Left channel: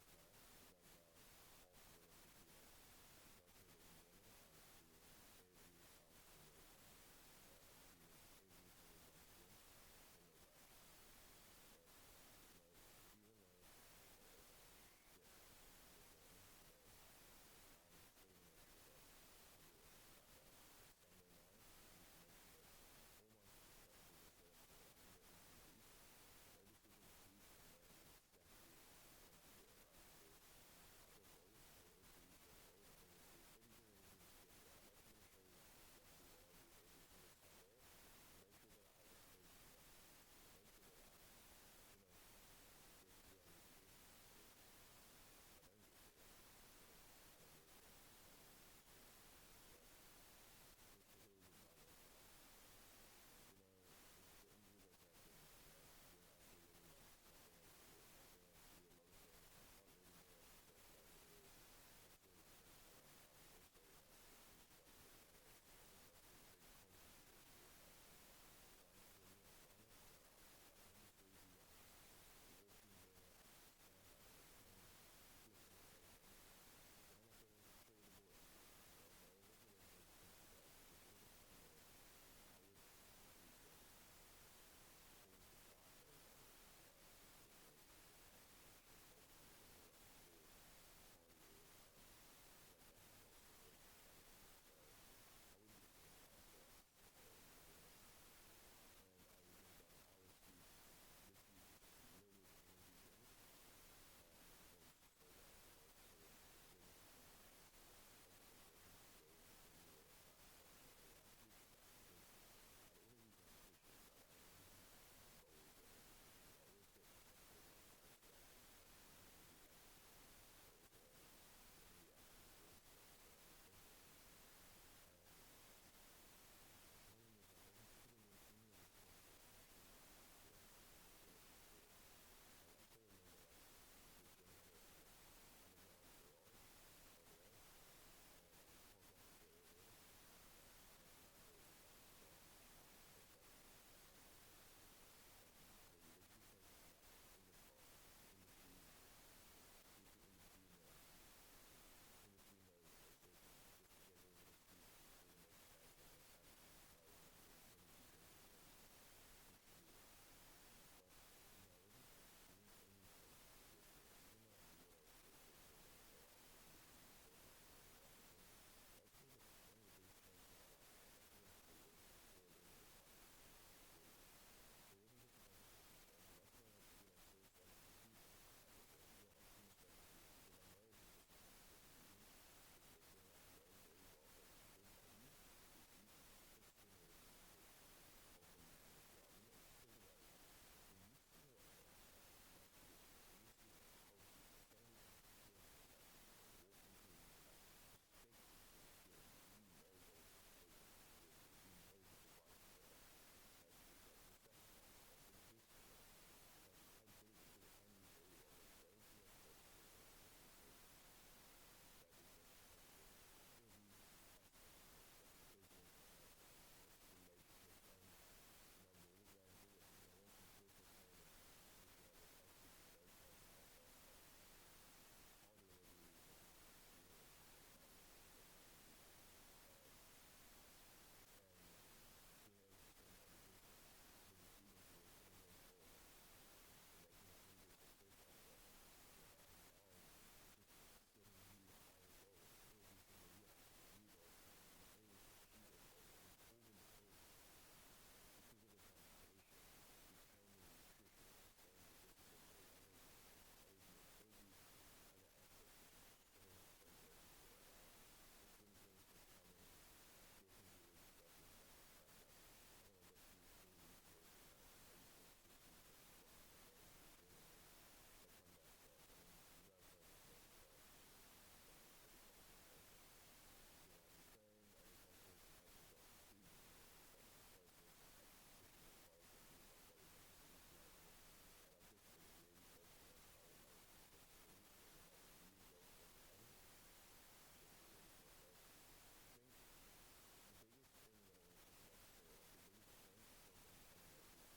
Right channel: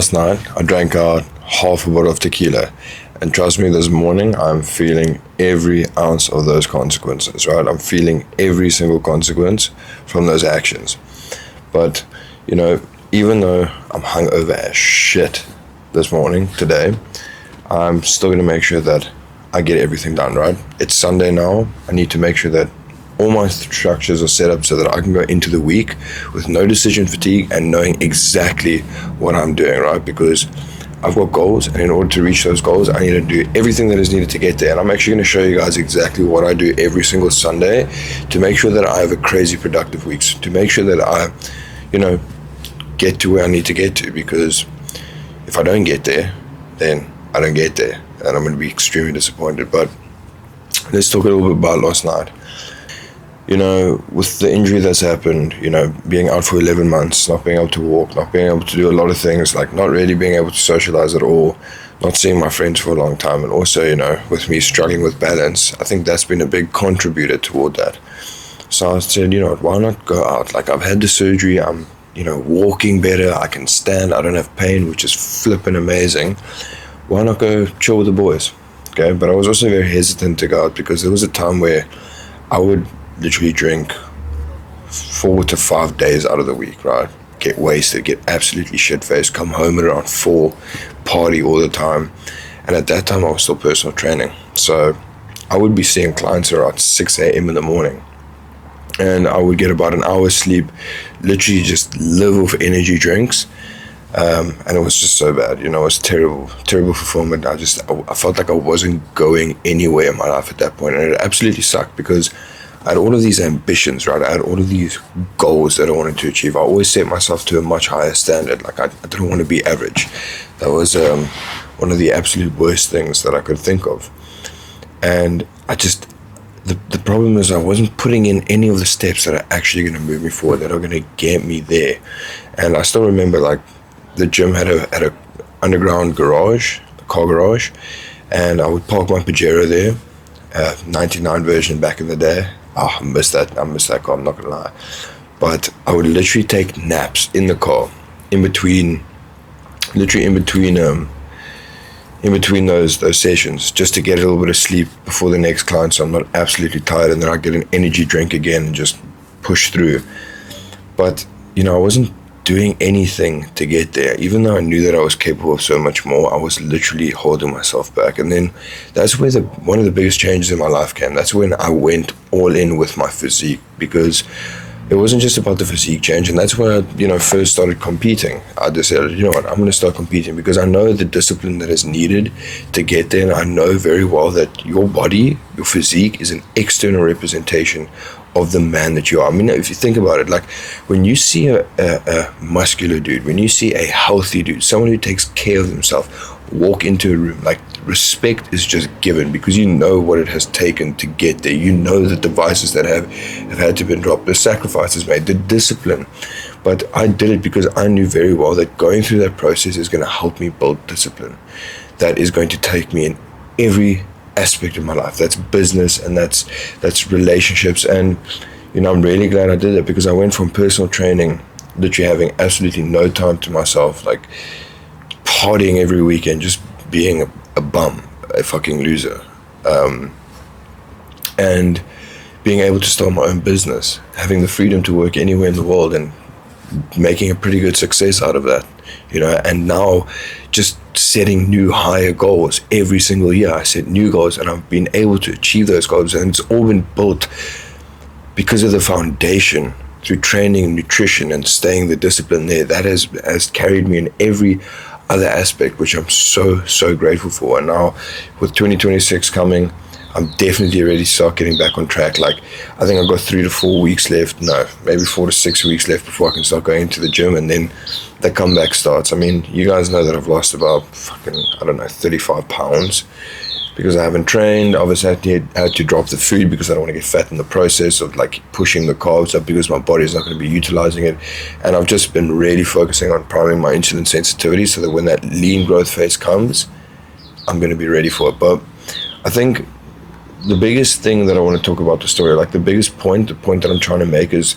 Last night, I drank out half a bottle of tequila. And trust me, this morning, I'm feeling every ounce of those consequences, right? I'm feeling every single consequence from those actions. But, you know, even though I'm hungover as shit this morning, today, I'm still going to make sure that I get everything done, right? It's Sunday now. I need to make sure that all my structures are set up so that I can go into the week with no decision fatigue and knowing exactly what I'm doing, right? Because I've got goals, and in order to reach those goals, I need to do everything that is needed to get there. And I'm actually going to show you guys exactly what I do every single Sunday to make sure that I have a crazy productive week, to make sure that I, get to where I need to get to. Because if I don't get there, then I don't get there, and I'm going to be extremely disappointed. But let's talk a little bit about last night. With the injury that's happened, being out for 11 months, not being able to walk, not being able to do a lot of things, like not really being able to socialize at all, not seeing my friends for a long time, and also, with me struggling with balance, I think that's been a big contributor toward that. So I said, why not go out? Like, I've had the surgery, I'm, walking better, I can stand, I don't have pain, which is flipping amazing. Why not go chill with the boys? Okay, but I was also very hesitant to go out because there was a time where I would literally drink 4 to 5 days out of the week, right? Get wasted, get absolutely shit-faced, come home at around 4, party all the time. And at that time, I was still personal training. So I would be seeing clients around 6 a.m. in the morning. And I would get about an hour's sleep, literally just live off energy drinks. And it was just so bad, it was terrible fulfillment. I felt like I wasn't going anywhere in my life at that point. And it absolutely sucked because I had all of these ambitions, right? I had all of these goals that I wanted to achieve. I always set myself to a much higher standard. Like, I didn't want to be average. That was one of the absolute worst things that I could think of. And the problem is I wasn't putting in any of the steps that are actually going to move me forward, that are going to get me there. And I still remember, like, the gym had a underground garage, a car garage, and I would park my Pajero there, 99 version back in the day. I miss that car, I'm not gonna lie. But I would literally take naps in the car, in between those sessions, just to get a little bit of sleep before the next client, so I'm not absolutely tired, and then I get an energy drink again and just push through. But I wasn't doing anything to get there. Even though I knew that I was capable of so much more, I was literally holding myself back. And then that's where one of the biggest changes in my life came. That's when I went all in with my physique, because it wasn't just about the physique change. And that's when I, first started competing. I decided, I'm going to start competing because I know the discipline that is needed to get there. And I know very well that your body, your physique, is an external representation of the man that you are. I mean, if you think about it, like, when you see a muscular dude, when you see a healthy dude, someone who takes care of himself, walk into a room, like, respect is just given, because you know what it has taken to get there. You know the devices that have had to be dropped, the sacrifices made, the discipline. But I did it because I knew very well that going through that process is going to help me build discipline. That is going to take me in every aspect of my life. That's business, and that's relationships. And I'm really glad I did it, because I went from personal training, literally having absolutely no time to myself, like partying every weekend, just being a bum, a fucking loser, and being able to start my own business, having the freedom to work anywhere in the world, and making a pretty good success out of that, and now just setting new higher goals every single year. I set new goals, and I've been able to achieve those goals, and it's all been built because of the foundation through training and nutrition and staying the discipline there. That has carried me in every other aspect, which I'm so grateful for. And now with 2026 coming, I'm definitely ready to start getting back on track. Like, I think I've got 3 to 4 weeks left. No, maybe 4 to 6 weeks left before I can start going into the gym, and then the comeback starts. I mean, you guys know that I've lost about 35 pounds because I haven't trained. Obviously, I had to drop the food because I don't want to get fat in the process of, like, pushing the carbs up, because my body is not going to be utilizing it. And I've just been really focusing on priming my insulin sensitivity so that when that lean growth phase comes, I'm going to be ready for it. But I think the biggest thing that I want to talk about the story, like the point that I'm trying to make is,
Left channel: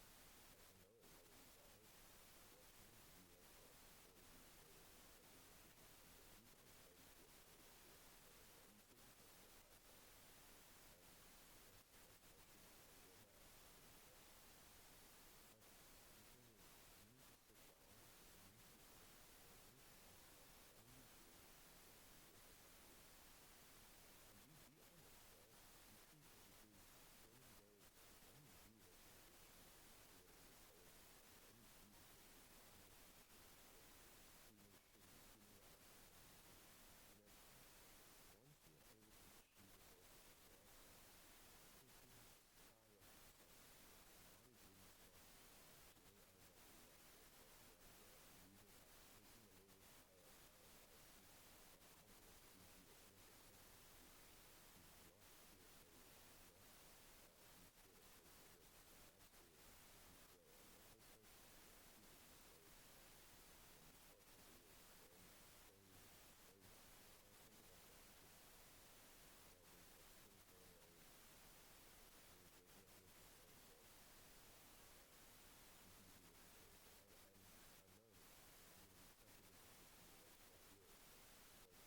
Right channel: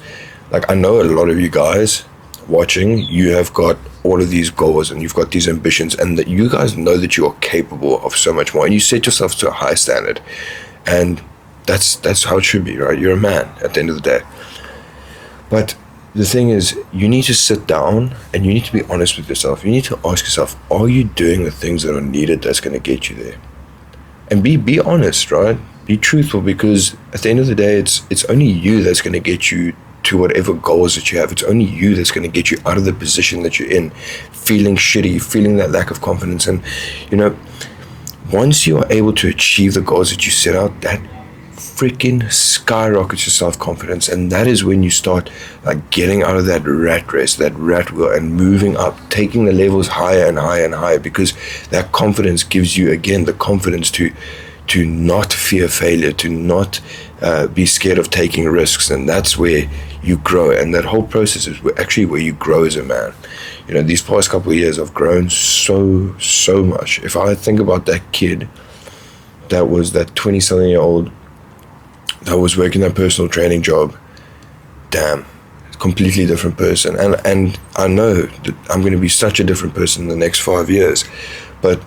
like, I know a lot of you guys watching, you have got all of these goals and you've got these ambitions, and that you guys know that you are capable of so much more, and you set yourself to a high standard, and that's how it should be, right? You're a man at the end of the day. But the thing is, you need to sit down and you need to be honest with yourself. You need to ask yourself, are you doing the things that are needed that's going to get you there? And be honest, right? Be truthful, because at the end of the day, it's only you that's going to get you to whatever goals that you have. It's only you that's going to get you out of the position that you're in, feeling shitty, feeling that lack of confidence. And, once you are able to achieve the goals that you set out, that freaking skyrockets your self-confidence, and that is when you start getting out of that rat race, that rat wheel, and moving up, taking the levels higher and higher and higher, because that confidence gives you, again, the confidence to not fear failure, to not be scared of taking risks. And that's where you grow, and that whole process is actually where you grow as a man. These past couple of years I've grown so much. If I think about that kid that was that 20-something year old that was working that personal training job, damn, completely different person. And I know that I'm going to be such a different person in the next 5 years. But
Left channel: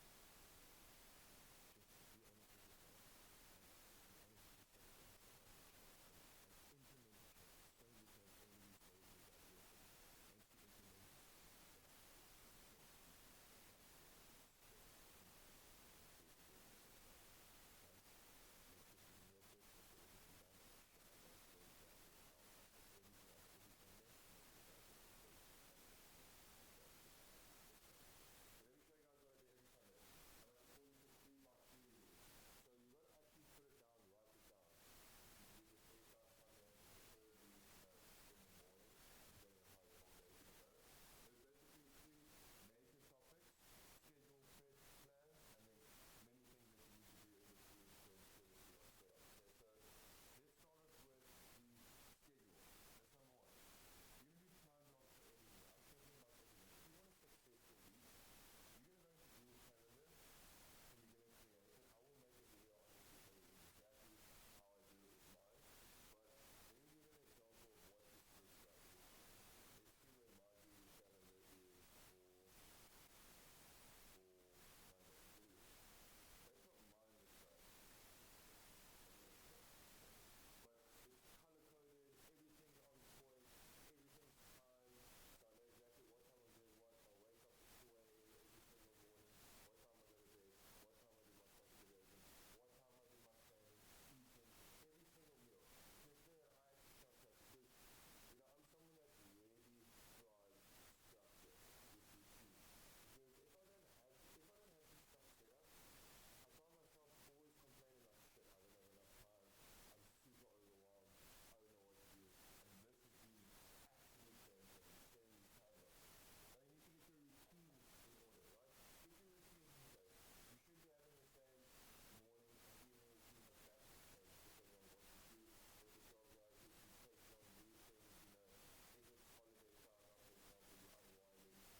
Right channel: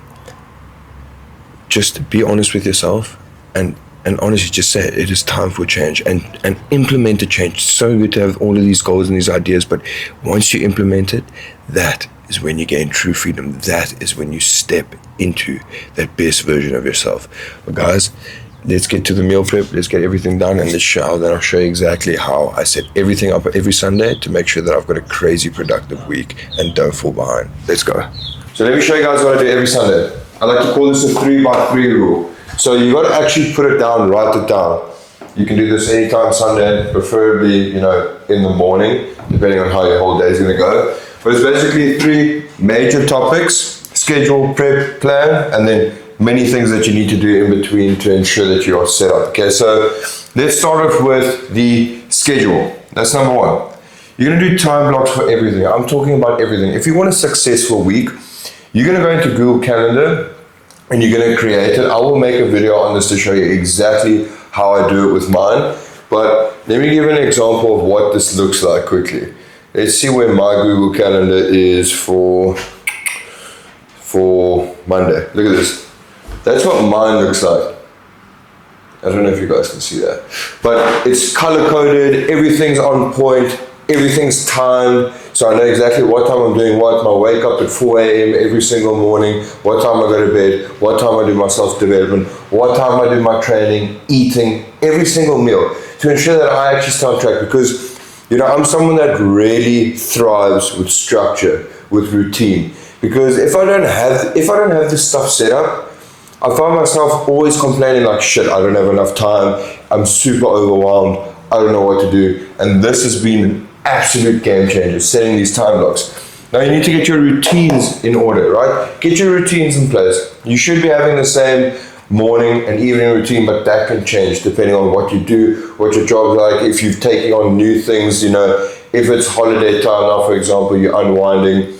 just be honest with yourself, and honestly just say it is time for change, and implement a change. It's so good to have all of these goals and these ideas, but once you implement it, that is when you gain true freedom. That is when you step into that best version of yourself. But guys, let's get to the meal prep. Let's get everything done in the shower. Then I'll show you exactly how I set everything up every Sunday to make sure that I've got a crazy productive week and don't fall behind. Let's go. So let me show you guys what I do every Sunday. I like to call this a 3x3 rule. So you got to actually put it down, write it down. You can do this anytime Sunday, preferably, in the morning, depending on how your whole day is going to go. But it's basically 3 major topics: schedule, prep, plan, and then many things that you need to do in between to ensure that you are set up. Okay, so let's start off with the schedule. That's number 1. You're going to do time blocks for everything. I'm talking about everything. If you want a successful week, you're going to go into Google Calendar and you're going to create it. I will make a video on this to show you exactly how I do it with mine. But let me give you an example of what this looks like quickly. Let's see where my Google Calendar is for Monday. Look at this. That's what mine looks like. I don't know if you guys can see that. But it's color-coded, everything's on point, everything's timed, so I know exactly what time I'm doing what. I wake up at 4 a.m. every single morning, what time I go to bed, what time I do my self-development, what time I do my training, eating, every single meal, to ensure that I actually stay on track. Because, I'm someone that really thrives with structure, with routine. Because if I don't have this stuff set up, I find myself always complaining like, shit, I don't have enough time, I'm super overwhelmed, I don't know what to do. And this has been an absolute game changer, setting these time blocks. Now you need to get your routines in order, right? Get your routines in place. You should be having the same morning and evening routine, but that can change depending on what you do, what your job's like, if you've taken on new things, if it's holiday time now, for example, you're unwinding,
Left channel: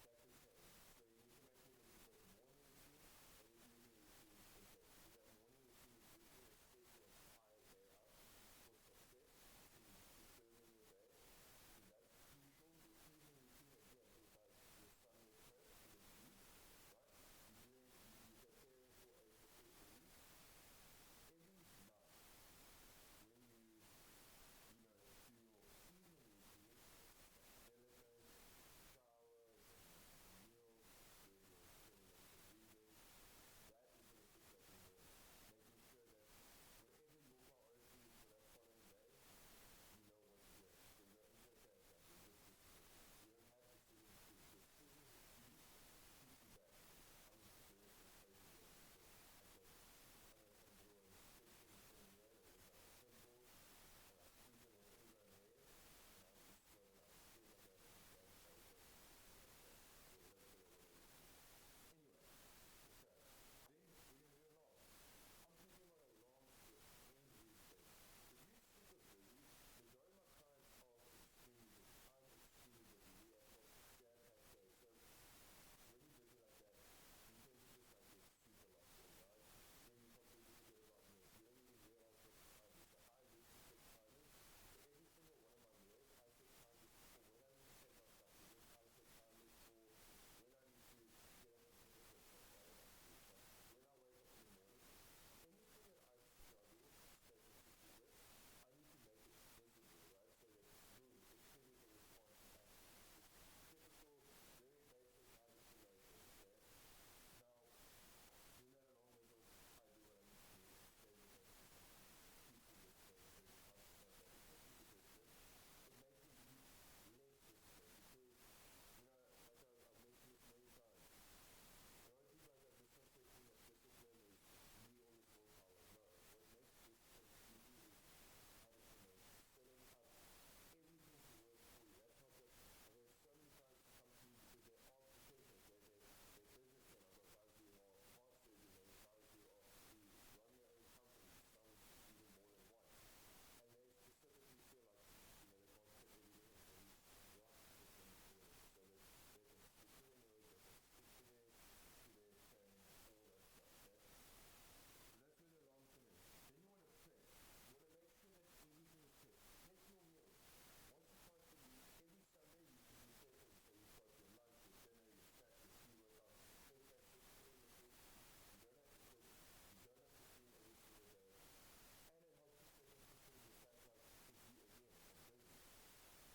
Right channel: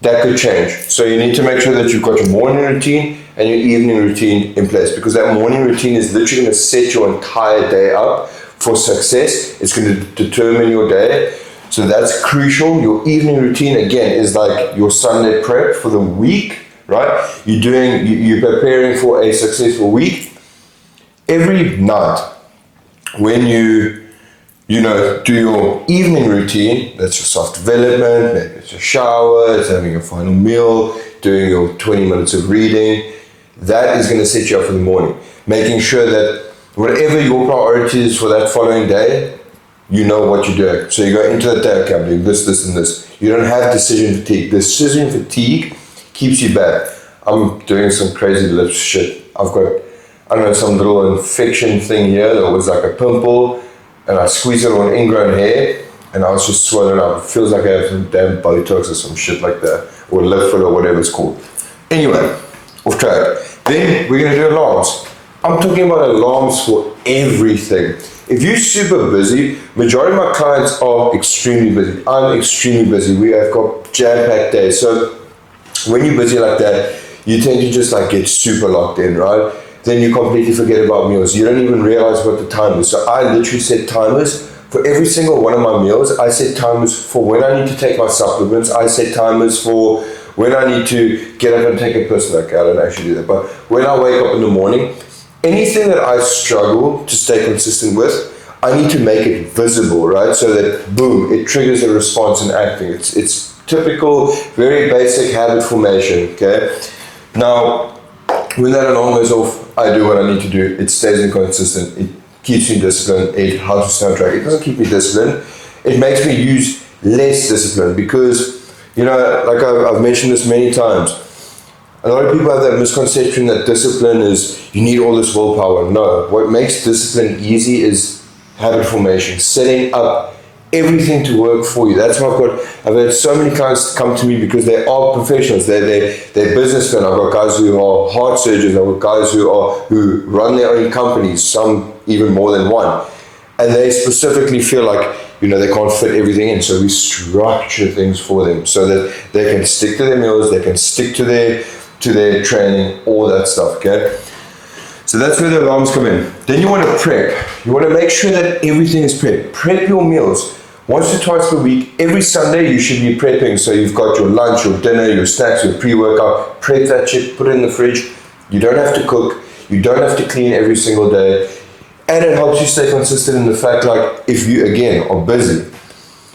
that could change. So you need to make sure that you've got your morning routine and your evening routine in place, because that morning routine is literally going to set your entire day up for success. It's going to determine your day. So that's crucial. Your evening routine, again, is like your Sunday prep for the week, right? You're preparing for a successful week. Every night, when you do your evening routine, that's your self-development, maybe it's your shower, it's having your final meal, doing your 20 minutes of reading, that is going to set you up for the morning. Making sure that whatever your priority is for that following day, you know what you're doing. So you go into that day, okay, I'm doing this, this, and this. You don't have decision fatigue. Decision fatigue keeps you back. I'm doing some crazy lip shit. I've got, some little infection thing here that was like a pimple, and I squeezed it on ingrown hair, and I was just swelling up. It feels like I have some damn Botox or some shit like that, or lip filler, or whatever it's called. Anyway, off track. Then we're gonna do alarms. I'm talking about alarms for everything. If you're super busy, majority of my clients are extremely busy. I'm extremely busy. We have got jam-packed days. So when you're busy like that, you tend to just get super locked in, right? Then you completely forget about meals. You don't even realize what the time is. So I literally set timers For every single one of my meals, I set timers for when I need to take my supplements. I set timers for when I need to get up and take a piss. Like, I don't actually do that, but when I wake up in the morning, anything that I struggle to stay consistent with, I need to make it visible, right? So that, boom, it triggers a response in acting. It's typical, very basic habit formation, okay? Now, when that alarm goes off, I do what I need to do. It stays inconsistent. It keeps me disciplined. It helps me stay on track. It doesn't keep me disciplined. It makes me use less discipline because, you know, like I've mentioned this many times, a lot of people have that misconception that discipline is, you need all this willpower. No, what makes discipline easy is habit formation, setting up everything to work for you. That's why I've had so many clients come to me because they are professionals. They're businessmen. I've got guys who are heart surgeons. I've got guys who run their own companies, some even more than one. And they specifically feel like, you know, they can't fit everything in. So we structure things for them so that they can stick to their meals, they can stick to their training, all that stuff, okay? So that's where the alarms come in. Then you want to prep. You want to make sure that everything is prepped. Prep your meals. Once or twice per week, every Sunday you should be prepping. So you've got your lunch, your dinner, your snacks, your pre-workout. Prep that shit, put it in the fridge. You don't have to cook. You don't have to clean every single day. And it helps you stay consistent in the fact, like, if you, again, are busy,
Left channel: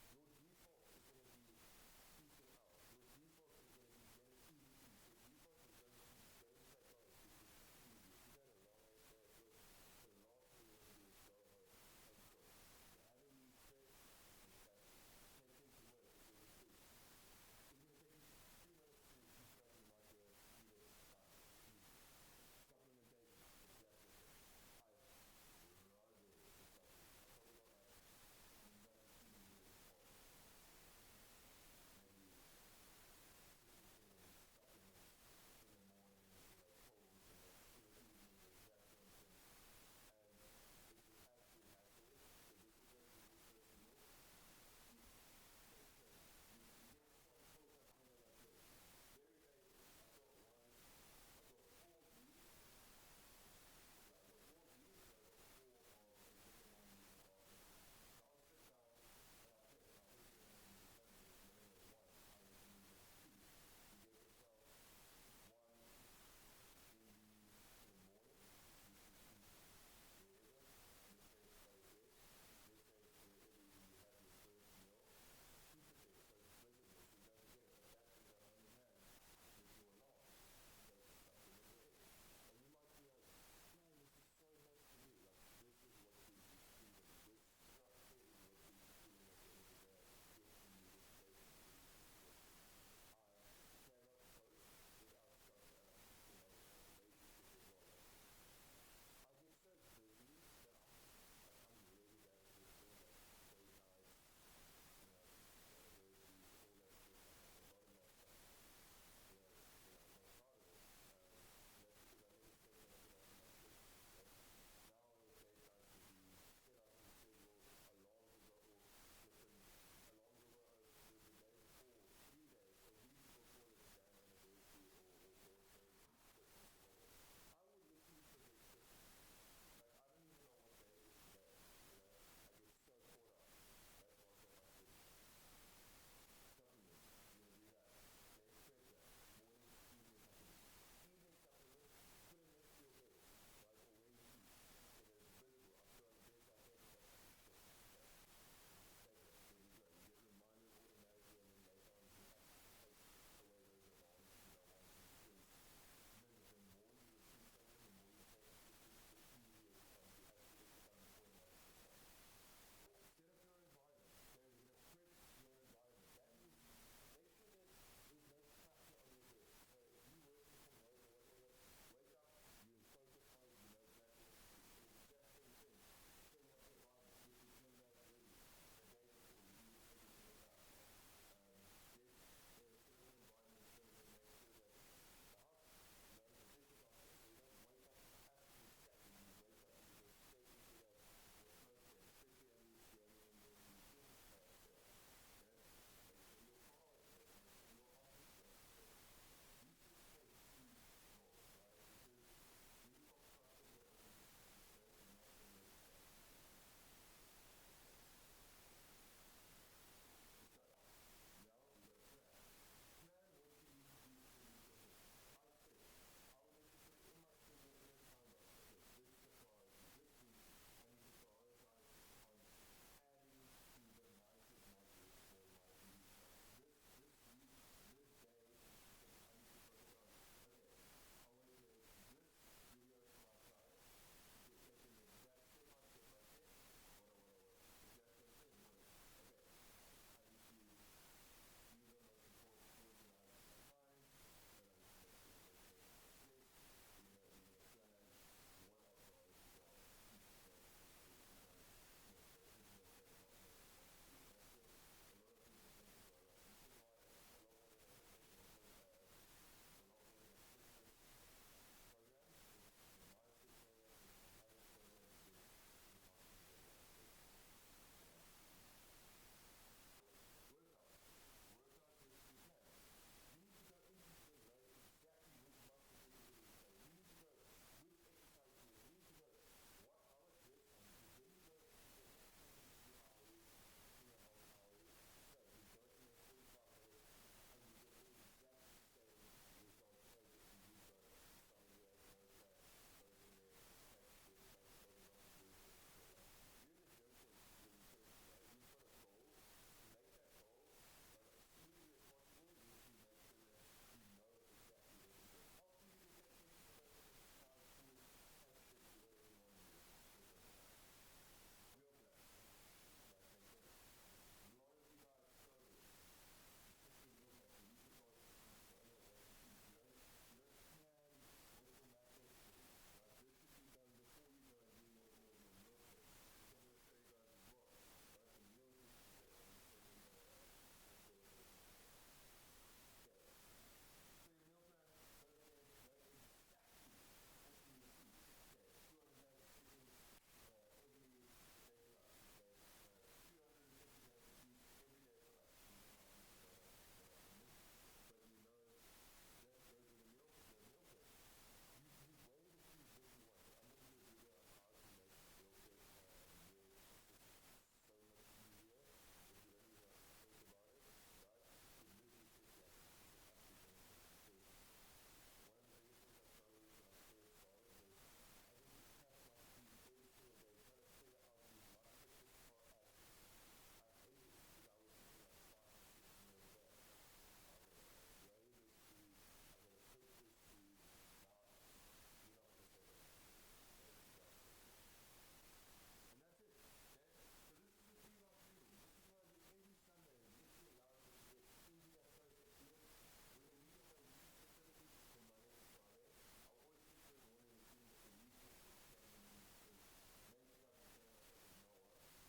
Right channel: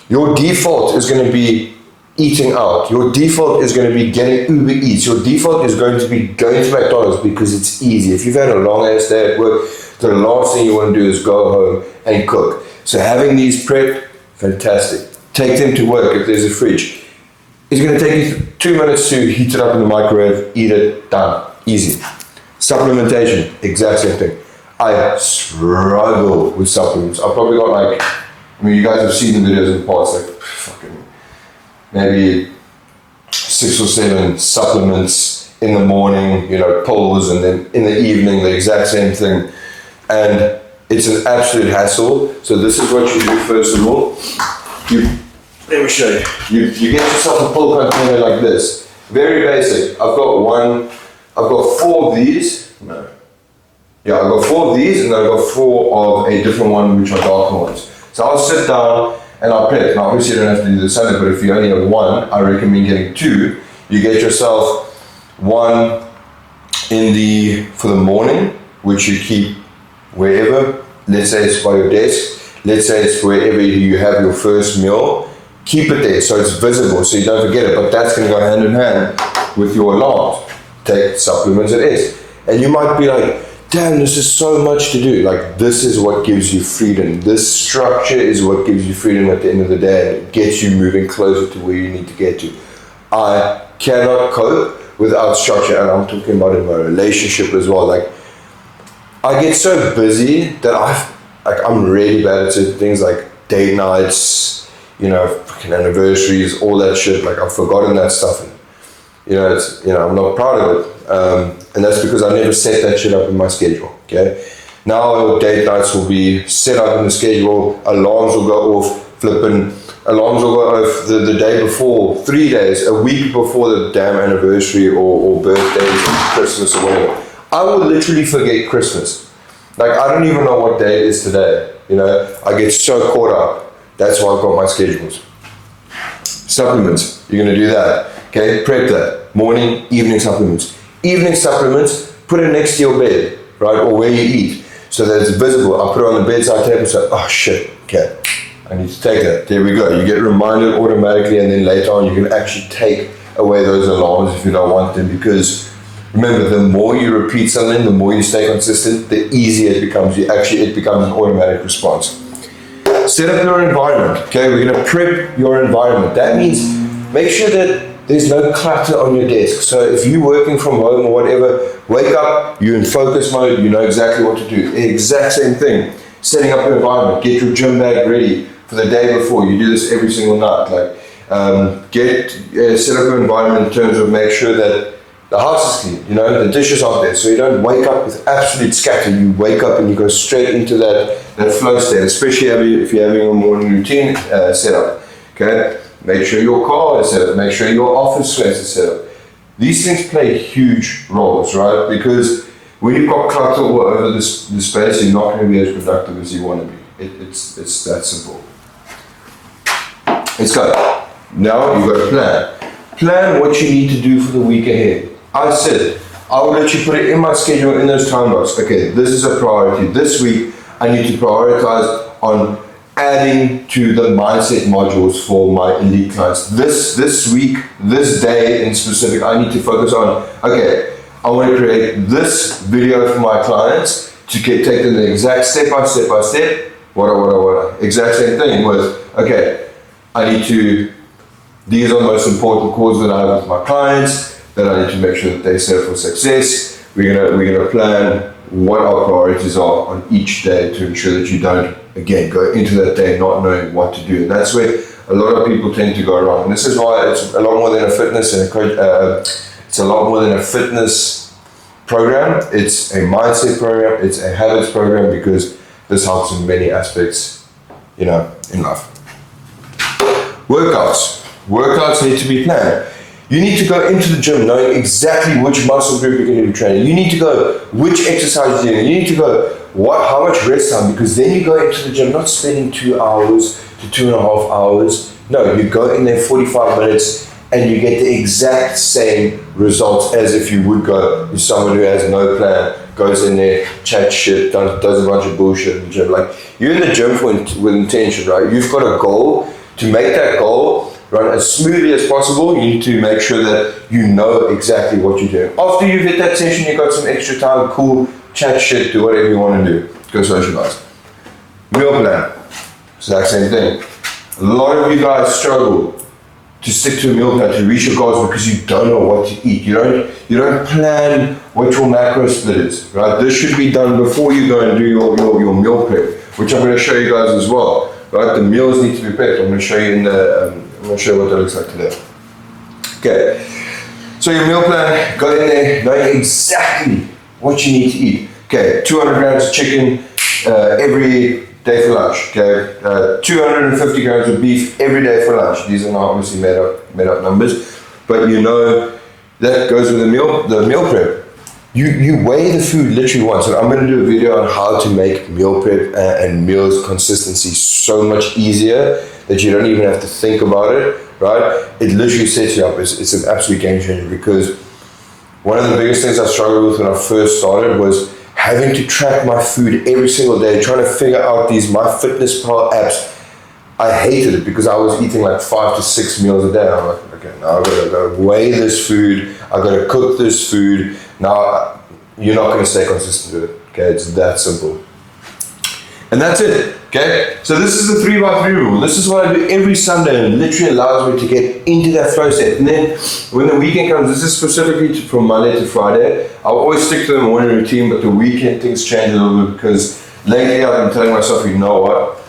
your default is going to be eating out. Your default is going to be getting Uber Eats. Your default is going to be going to McDonald's because it's easy. If you've had a long ass day at work, the last thing you want to do is go home and cook. So having these prepped, fantastic. Take them to work if there's a fridge. It's going to take you 2 minutes to heat it up in the microwave, eat it, done. Easy. Supplementation, exact same thing. I struggle with supplements. I've probably got like, I mean, you guys have seen the videos in the past, like fucking maybe 6 or 7 supplements in the morning, you know, pills, and then in the evening, the exact same thing. And it's an absolute hassle. So this is what you do first of all. Let me show you. You get yourself a pill container like this. Very basic. I've got 4 of these. No. Yeah, I've got 4 of these, and then I've got 4 of a different one, which are darker ones. So I'll sit down and I'll prep. Now, obviously, you don't have to do the Sunday, but if you only have 1, I recommend getting 2. You get yourself 1 for the morning, which you keep wherever. Let's say it's by your desk. Let's say it's wherever you have your first meal. Keep it there so it's visible, so you don't forget it. But that's going to go hand in hand with your alarms. Take supplements it is. And you might be like, damn, this is so much to do. Like, this is what gives you freedom. This structure is what gives you freedom at the end of the day, and it gets you moving closer to where you need to get to. I cannot cope without structure, and I'm talking about in my relationship as well. Like, I get so busy that I'm really bad at certain things, like date nights, you know, fucking anniversaries, all that shit. Like, I've forgotten that stuff. And, I'm not proud of it. And that's because I never set that shit up in my schedule, okay? Now date nights will be set up in the schedule, alarms will go off, alarms will go off the day before, 3 days, a week before the damn anniversary or birthdays or Christmas or whatever. I will literally forget Christmas. Like, I don't even know what day it is today, you know? I get so caught up. That's why I've got my schedules. Supplements, you're gonna do that. Okay, prep that. Morning, evening supplements. Evening supplements, put it next to your bed, right? Or where you eat, so that it's visible. I put it on the bedside table, so, oh shit, okay, I need to take that. There we go. You get reminded automatically, and then later on you can actually take away those alarms if you don't want them, because remember, the more you repeat something, the more you stay consistent, the easier it becomes. It becomes an automatic response. Set up your environment, okay? We're gonna prep your environment. That means make sure that there's no clutter on your desk. So if you're working from home or whatever, wake up, you're in focus mode, you know exactly what to do. Exact same thing. Setting up your environment, get your gym bag ready for the day before. You do this every single night. Like, set up your environment in terms of make sure that the house is clean, you know, the dishes aren't there. So you don't wake up with absolute scatter. You wake up and you go straight into that flow state, especially if you're having a morning routine set up, okay? Make sure your car is set up, make sure your office space is set up. These things play huge roles, right? Because when you've got clutter all over this space, you're not going to be as productive as you want to be, It's that simple. Let's go. Now you've got a plan. Plan what you need to do for the week ahead. I said, I will let you put it in my schedule in those time blocks. Okay, this is a priority. This week, I need to prioritize on adding to the mindset modules for my elite clients. This week, this day in specific, I need to focus on, okay, I want to create this video for my clients to take them the exact step by step, what. Exact same thing with, okay, these are the most important calls that I have with my clients that I need to make sure that they set up for success. We're gonna plan what our priorities are on each day to ensure that you don't, again, go into that day not knowing what to do. And that's where a lot of people tend to go wrong. And this is why it's a lot more than a fitness and it's a lot more than a fitness program. It's a mindset program. It's a habits program, because this helps in many aspects, in life. Workouts need to be planned. You need to go into the gym knowing exactly which muscle group you're going to be training. You need to go which exercise you're doing. You need to go how much rest time, because then you go into the gym not spending 2 hours to 2.5 hours. No, you go in there 45 minutes and you get the exact same results as if you would go with someone who has no plan, goes in there, chats shit, does a bunch of bullshit in the gym. Like, you're in the gym with intention, right? You've got a goal. To make that goal run as smoothly as possible, you need to make sure that you know exactly what you're doing. After you've hit that session, you've got some extra time, cool, chat shit, do whatever you want to do. Go socialize. Meal plan, exact same thing. A lot of you guys struggle to stick to a meal plan to reach your goals because you don't know what to eat. You don't plan what your macro split is, right? This should be done before you go and do your meal prep, which I'm going to show you guys as well. Right, the meals need to be prepped. I'm going to show you I'm going to show you what that looks like today. Okay, so your meal plan, go in there knowing exactly what you need to eat. Okay, 200 grams of chicken every day for lunch. Okay, 250 grams of beef every day for lunch. These are not obviously made up numbers, but that goes with the meal prep. You weigh the food literally once, and I'm going to do a video on how to make meal prep and meals consistency so much easier that you don't even have to think about it, right? It literally sets you up. It's an absolute game changer, because one of the biggest things I struggled with when I first started was having to track my food every single day, trying to figure out these MyFitnessPal apps. I hated it because I was eating like 5 to 6 meals a day. I'm like, okay, now I've got to go weigh this food. I've got to cook this food. Now, you're not going to stay consistent with it. Okay, it's that simple. And that's it. Okay, so this is the 3x3 rule. This is what I do every Sunday, and it literally allows me to get into that flow state. And then when the weekend comes, this is specifically from Monday to Friday. I'll always stick to the morning routine, but the weekend things change a little bit, because lately I've been telling myself, you know what?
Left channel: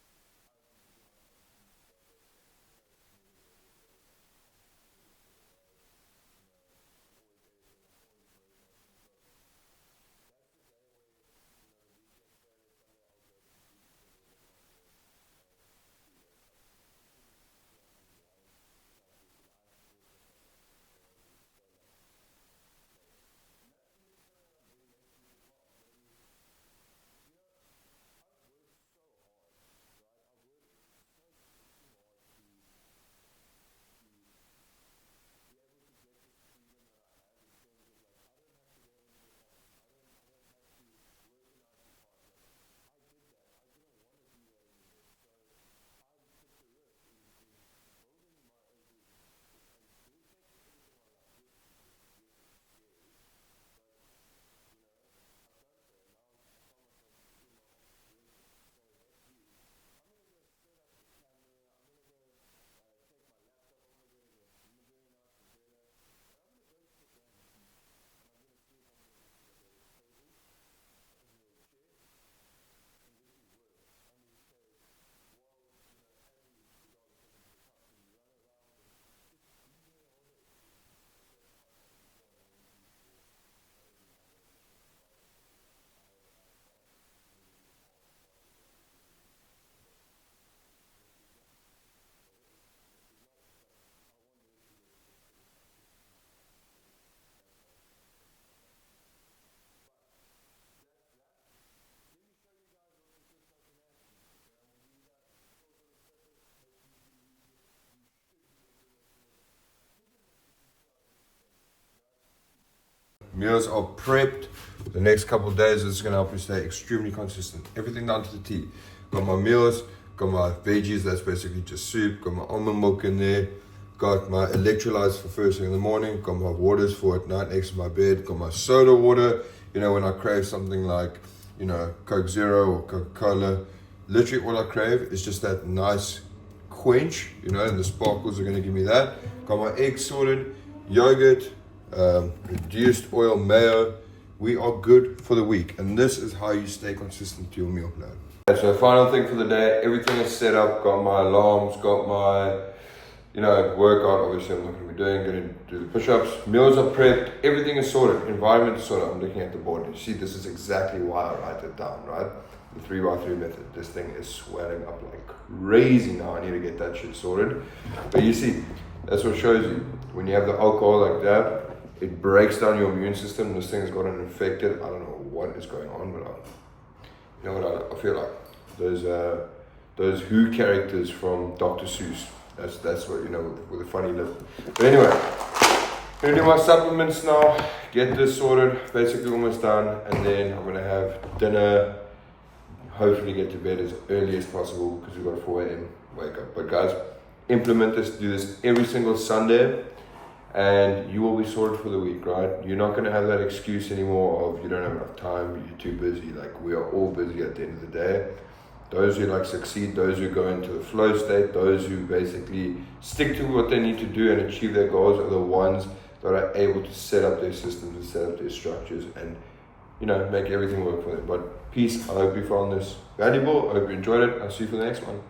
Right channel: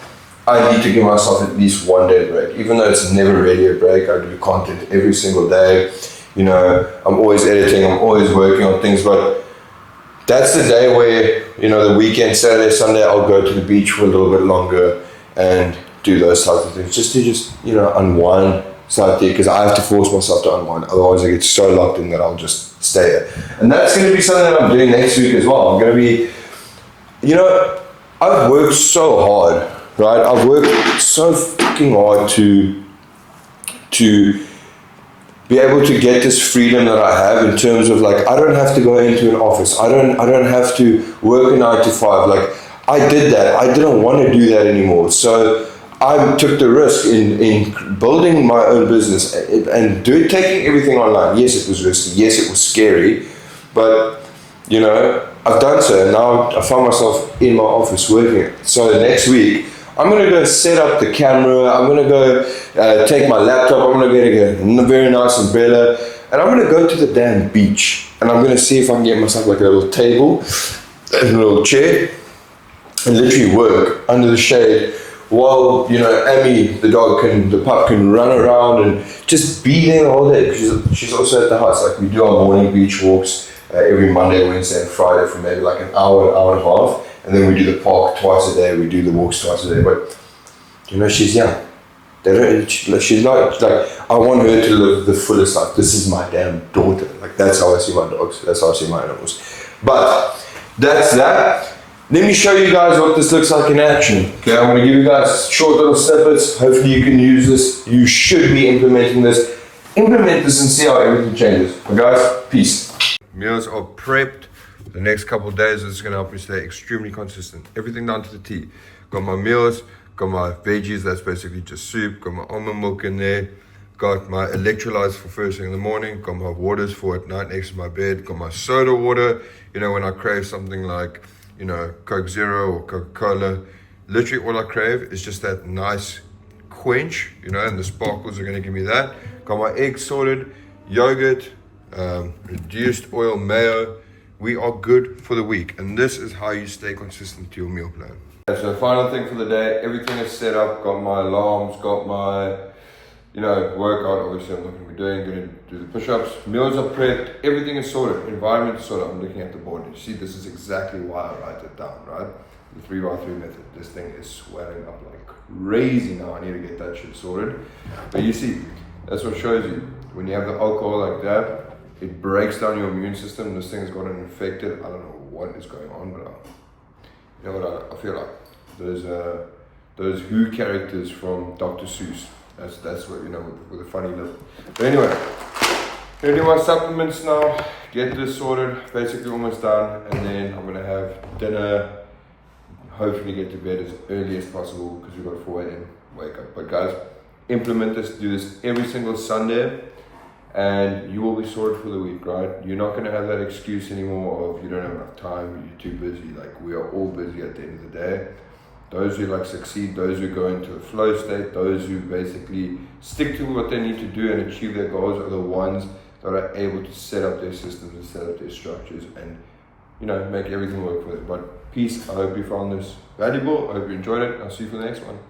I need to give myself at least 1 day break. Even though it's never really a break, I do content every single day. I'm always editing, I'm always working on things, but that's the day where, the weekend, Saturday, Sunday, I'll go to the beach for a little bit longer and do those types of things, just to unwind slightly, because I have to force myself to unwind. Otherwise I get so locked in that I'll just stay there. And that's going to be something that I'm doing next week as well. I'm going to be, I've worked so hard, right? I've worked so fucking hard to be able to get this freedom that I have, in terms of, like, I don't have to go into an office. I don't have to work a 9 to 5. Like, I did that. I didn't want to do that anymore. So I took the risk in building my own business and taking everything online. Yes, it was risky. Yes, it was scary, but I've done so. And now I find myself in my office working. So next week, I'm going to go set up the camera. I'm going to go take my laptop. I'm going to get a very nice umbrella. And I'm going to go to the damn beach. And I'm going to see if I can get myself like a little table and a little chair and literally work under the shade while, Amy, the pup can run around and just be there all day. She's also at the house. Like, we do our morning beach walks every Monday, Wednesday, and Friday for maybe like an hour and a half. And then we do the park twice a day. We do the walks twice a day. But she's young. She's not like, I want her to live the fullest life. This is my damn daughter. Like, that's how I see my dogs. That's how I see my animals. But that's that. Let me show you guys what this looks like in action. Okay, I'm going to give you guys short little snippets. Hopefully you can use this. You should be implementing this. Implement this and see how everything changes. But guys, peace. Meals are prepped. The next couple of days is going to help me stay extremely consistent. Everything down to the T. Got my meals, got my veggies, that's basically just soup. Got my almond milk in there. Got my electrolytes for first thing in the morning. Got my waters for at night next to my bed. Got my soda water. You know, when I crave something like, you know, Coke Zero or Coca-Cola, literally all I crave is just that nice quench, you know, and the sparkles are going to give me that. Got my eggs sorted, yogurt, reduced oil mayo. We are good for the week, and this is how you stay consistent to your meal plan. So final thing for the day, everything is set up. Got my alarms, got my, you know, workout. Obviously I'm not going to be doing, going to do the push-ups. Meals are prepped, everything is sorted, environment is sorted. I'm looking at the board. You see, this is exactly why I write it down, right? The 3x3 method. This thing is swelling up like crazy now. I need to get that shit sorted. But you see, that's what shows you. When you have the alcohol like that, it breaks down your immune system. This thing has gotten infected. I don't know what is going on, but you know what I feel like? Those Who characters from Dr. Seuss. That's what, you know, with a funny lip. But anyway, I'm gonna do my supplements now, get this sorted, basically almost done, and then I'm gonna have dinner, hopefully get to bed as early as possible because we've got a 4 a.m. wake up. But guys, implement this, do this every single Sunday, and you will be sorted for the week, right? You're not gonna have that excuse anymore of you don't have enough time, you're too busy. Like, we are all busy at the end of the day. Those who like succeed, those who go into the flow state, those who basically stick to what they need to do and achieve their goals are the ones that are able to set up their systems and set up their structures and, you know, make everything work for them. But peace, I hope you found this valuable. I hope you enjoyed it. I'll see you for the next one.